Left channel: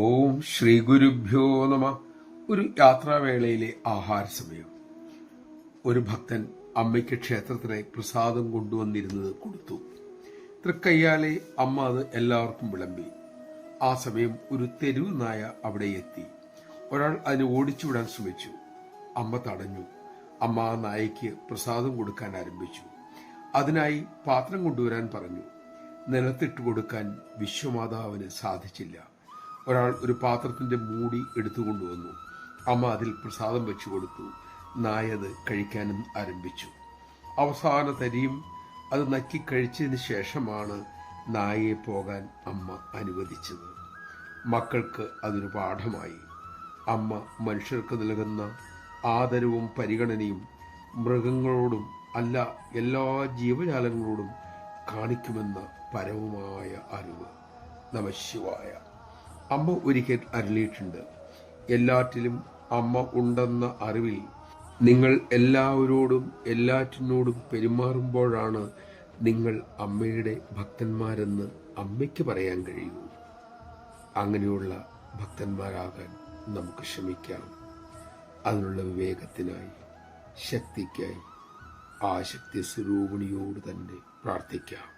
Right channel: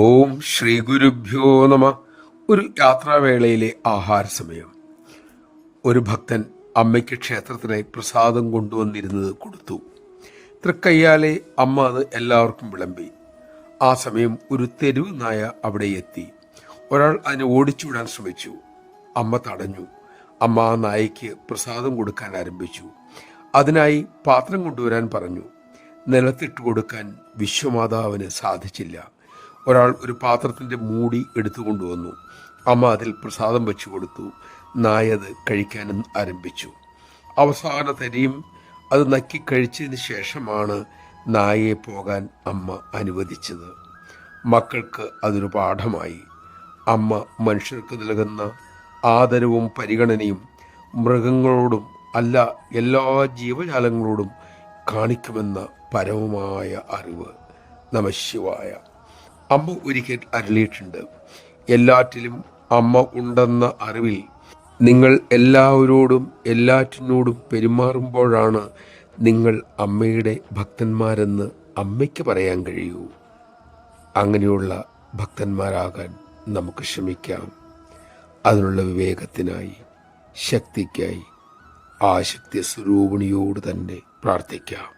ഓം ശ്രീ ഗുരുഭ്യോ നമ. ഒരു യാത്രാവേളയിലെ ആഹാര സമയം. ഒരു ഭക്തൻ അമ്മയ്ക്ക് ക്ഷേത്രത്തിനായി പ്രസാദം കൊണ്ടുവന്നിരുന്നത് കൊടുത്തു. തൃക്കയ്യാലെ അമ്മ അത് എല്ലാവർക്കും വിളമ്പി. ആ സമയം ഒരു തെരുവ് നായ അവിടെ എത്തി. ഒരാൾ അതിനെ ഓടിച്ചുവിടാൻ ശ്രമിച്ചു. അമ്മ തടഞ്ഞു. അമ്മ ആ നായയ്ക്ക് പ്രസാദം കൊടുക്കാൻ ആരംഭിച്ചു. അതിനായി പാത്രം കൊണ്ടുവരാൻ പറഞ്ഞു. നിലത്തിട്ട് കൊടുക്കാൻ വിശ്വമാതാവിന് സാധിച്ചില്ല. ഒരാൾ ഒരു പാത്രത്തിൻ്റെ മൂടി എടുത്തുകൊണ്ടുവന്നു. അമ്മ അതിൽ പ്രസാദം വെച്ചു കൊടുത്തു. നായ അത് കഴിക്കാനും ആരംഭിച്ചു. അവസാന തരിയും അത് നക്കി കഴിച്ചതിന് ശേഷമാണ് നായയെ പോകാൻ അമ്മ അനുവദിച്ചത്. മക്കൾക്ക് അതൊരു പാഠമായി. അമ്മ മനുഷ്യർക്ക് നൽകുന്ന ആദരവും പരിഗണനയും മൃഗങ്ങളോടും അല്ല, എല്ലാ ജീവജാലങ്ങളോടും കാണിക്കുമെന്ന പരമമായ അറിവ്. നമഃശിവായ. അമ്മ ഒരിക്കൽ അരുളിയിട്ടുണ്ട്, എല്ലാറ്റിലും അമ്മ ഉണ്ടെന്ന അറിവിൽ നിങ്ങൾ എല്ലാവരോടും എല്ലാറ്റിനോടും പെരുമാറുമ്പോഴാണ് നിങ്ങൾ അമ്മയുടെ ഭക്തന്മാരെന്ന് അമ്മയ്ക്ക് പറയാൻ കഴിയൂ. അങ്ങനെയുള്ള ഭക്തന്മാരാകാൻ നമുക്ക് ശ്രമിക്കാം. അതിനുള്ള വിവേകത്തിനായി, ശക്തിക്കായി ആ ശക്തി സ്വരൂപിണിയോട് തന്നെ പ്രാർത്ഥിക്കാം.